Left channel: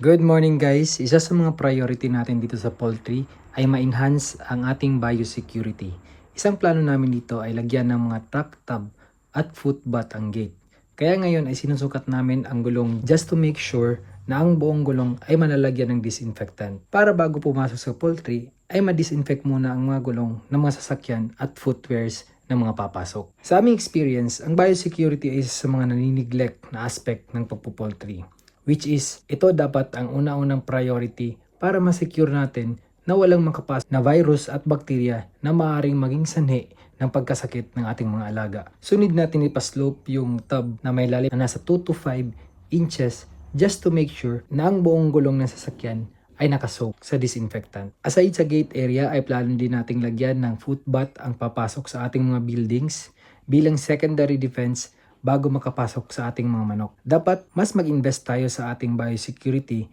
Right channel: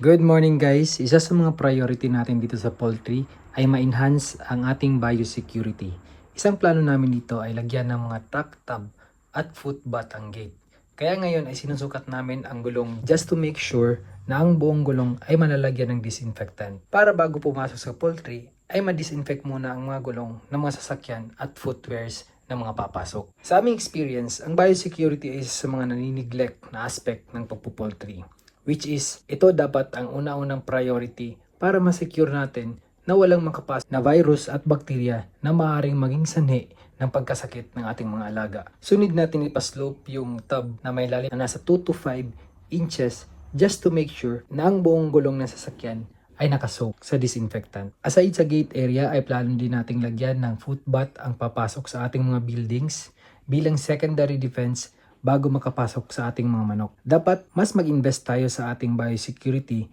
Good morning guys! Isa sa mga priority natin dito sa poultry ay ma-enhance ang ating biosecurity. Isang plano namin dito ay lagyan ng mga tuck tub at footbath ang gate. Kaya ngayon ay sinusukat namin ang gulong just to make sure na ang buong gulong ay malalagyan ng disinfectant. Para bago pumasok sa poultry ay ma-disinfect muna ang mga gulong ng mga sasakyan at footwears ng mga papasok. Sa aming experience, ang biosecurity ay isa sa mga nanineglect na aspect ng pagpupoultry. Which is, ito dapat ang una-unang priority para ma-secure natin na walang makapasok na virus at bakterya na maaaring maging sanhi ng pagkasakit ng ating mga alaga. Sunod natin ipaslope yung tub na may lalim na nasa 2 to 5 inches just to make sure na ang buong gulong ng sasakyan ay nakasoak sa disinfectant. Aside sa gate area ay plano din nating lagyan ng footbath ang papasok sa ating mga buildings bilang secondary defense bago makapasok sa ating mga manok. Dapat mas mag-invest tayo sa ating biosecurity